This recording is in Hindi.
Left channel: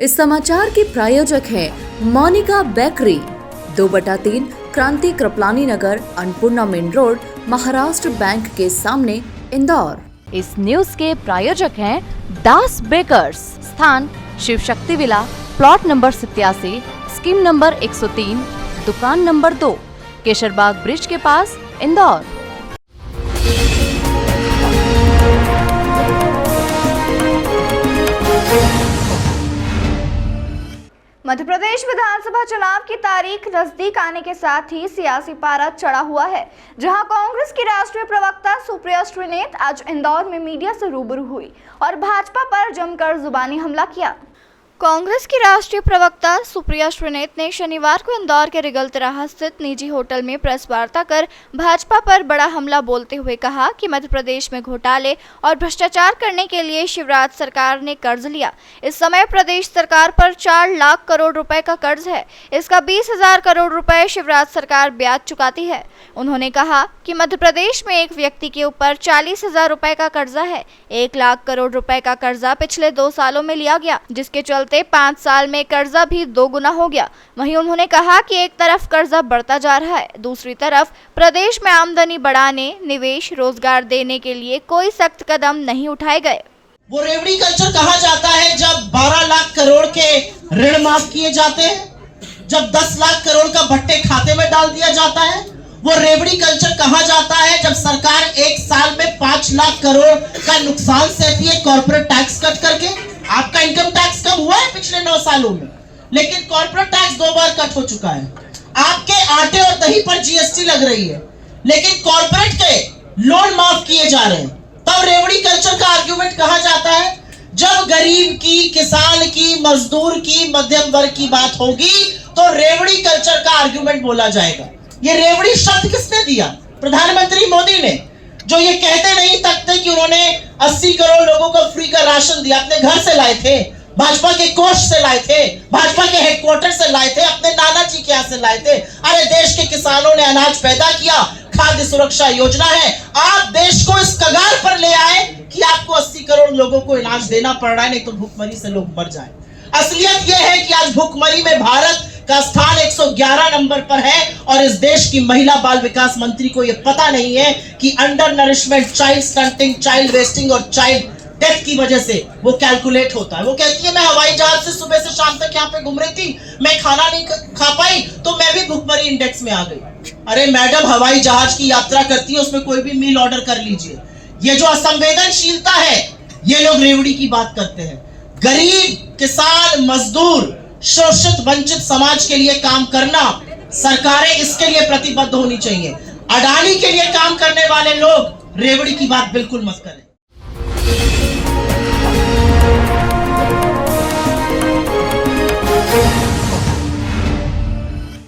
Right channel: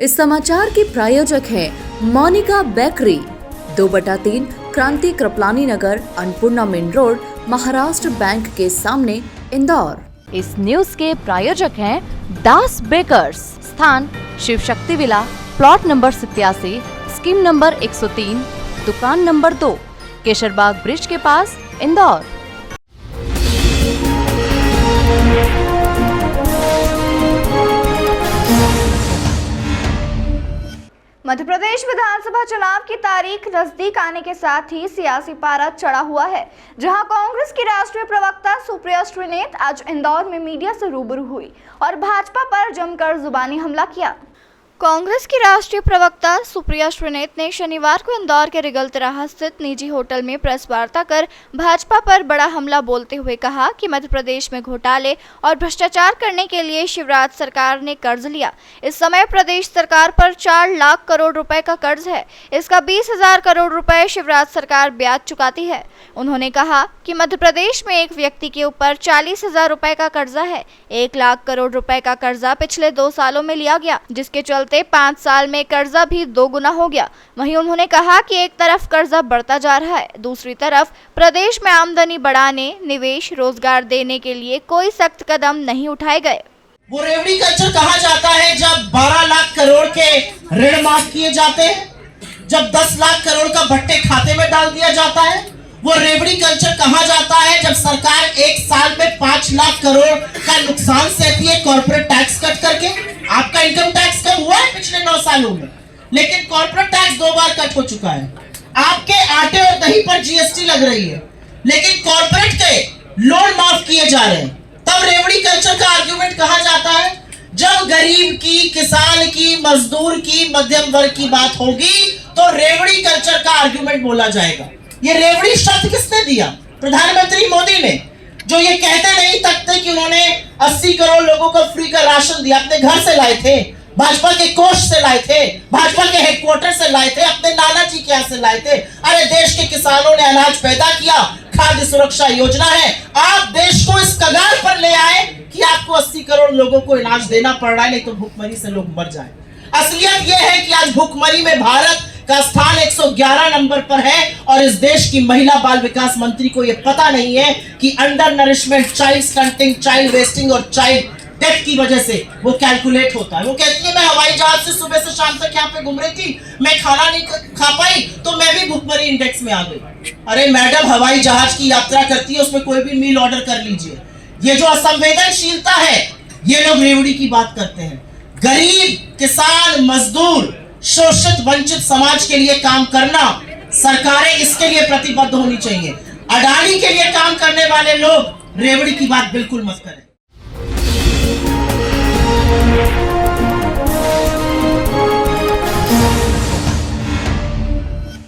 इस समाचार की प्रायोजक है Monika bakery, 2/3 Kranti Kripalani Nagar, Annapurna main road, Maharashtra bank के सामने, इंदौर। इस न्यूज के प्रायोजक हैं दास बेकर्स, स्थान Shiv Shakti villa, plot number 87, scheme number 103, दुकान नंबर 2, केशरबाग ब्रिज के पास, इंदौर। मध्य प्रदेश विधानसभा चुनाव की तारीख नजदीक आने के साथ ही सियासी पारा चढ़ा हुआ है, जहां कांग्रेस की राष्ट्रीय प्रवक्ता सुप्रिया श्रीनेत आज इंदौर में मीडिया से रूबरू हुई और भाजपा पर जमकर जुबानी हमला किया। कांग्रेस की राष्ट्रीय प्रवक्ता सुप्रिया श्रीनेत ने शनिवार को इंदौर के रिगल तिराहा स्थित निजी होटल में प्रेस वार्ता कर भाजपा पर बड़ा हमला बोलते हुए कहा कि मध्य प्रदेश में घोटाले और भ्रष्टाचार करने के लिए शिवराज सरकार ने कर्ज लिया। इस समय प्रदेश सरकार पर 4 लाख करोड़ रुपए का कर्ज है। इसका 20,000 करोड़ रुपए शिवराज सरकार ब्याज चुकाती है। उन्होंने कहा कि मध्य प्रदेश में एक व्यक्ति के ऊपर 40,000 रुपए का कर्जा है। 1 लाख करोड़ रुपए का कर्जा पिछले 2 सालों में लिया गया, जिसके चलते 5 साल में कर्जा भी 2 गुना हो गया। वहीं उन्होंने कहा कि एक तरफ कर्जा बढ़ता जा रहा है, दूसरी तरफ प्रदेश में आमदनी बढ़ाने, निवेश, रोजगार देने के लिए कोई सख्त कदम नहीं उठाए गए। वो रेवड़ी कल्चर कहा जाता है जब 12 लाख करोड़ के ऋण माफ किए जाते हैं, जब 10 लाख करोड़ का भट्टे खाते में डाल दिया जाता है। वो रेवड़ी कल्चर कहा जाता है जब सरकार 1 साल में 5 लाख करोड़ का नुकसान सहती है कॉर्पोरेट टैक्स कट करके। आपका इनकम टैक्स कम हुआ है पिछले 9 सालों में, लेकिन कॉर्पोरेट टैक्स 2 बार कट हो चुका है। आपके आटे और दही पर जीएसटी लग रही है, लेकिन कॉर्पोरेट के लोन माफ किए जा रहे हैं। तब रेवड़ी कल्चर का आर्गुमेंट कहा जाता है जब गरीब की, किसान की, मजदूर की, मध्यम वर्ग की बात होगी तो रेवड़ी कल्चर का आर्गुमेंट बोला जाएगा। ये रेवड़ी शब्द किसने दिया? प्रधानमंत्री मोदी ने, जो ये कहते नहीं तकते कि उन्होंने 80 करोड़ लोगों को फ्री का राशन दिया। अपने घर से लाए थे, भाजपा के कोष से लाए थे, भाजपा के हेडक्वार्टर से लाए थे, अपने नाना जी के यहाँ से लाए थे। अरे देश के किसानों ने अनाज पैदा किया, खाद्य सुरक्षा योजना है। आप देश को इस कगार पर ले आए कि आपको 80 करोड़ लोगों को अनाज देना पड़ रहा है, नहीं तो भूखमरी से लोग मर जाए। असलियत यह है कि आज भूखमरी में भारत का स्थान 111 नंबर पर है और इस देश की महिला बाल विकास मंत्री को यह पता नहीं है कि under nourishment, child stunting, child wasting और चाइल्ड डेथ की वजह से वो कैलकुलेट होता है। वो कहती है मैं हवाई जहाज से सुबह से शाम तक यहाँ पे घूम रही थी, मैं खाना नहीं खा पाई तो मैं भी भूखमरी इंडेक्स में आ गई। अरे मैडम, हवाई जहाज की यात्रा करती है, उसमें कोई भी मील ऑर्डर कर लीजिए। ये जो असंवेदनशीलता है, ये लोग रेवड़ी की बात करते हैं। गरीब, किसान, मजदूर, शोषित वंचित समाज के लिए काम करना, सरकारें इसके लिए प्रतिबद्ध होनी चाहिए। अडानी के लिए काम करने वाले लोग रेवड़ी की बात बिल्कुल मत करें।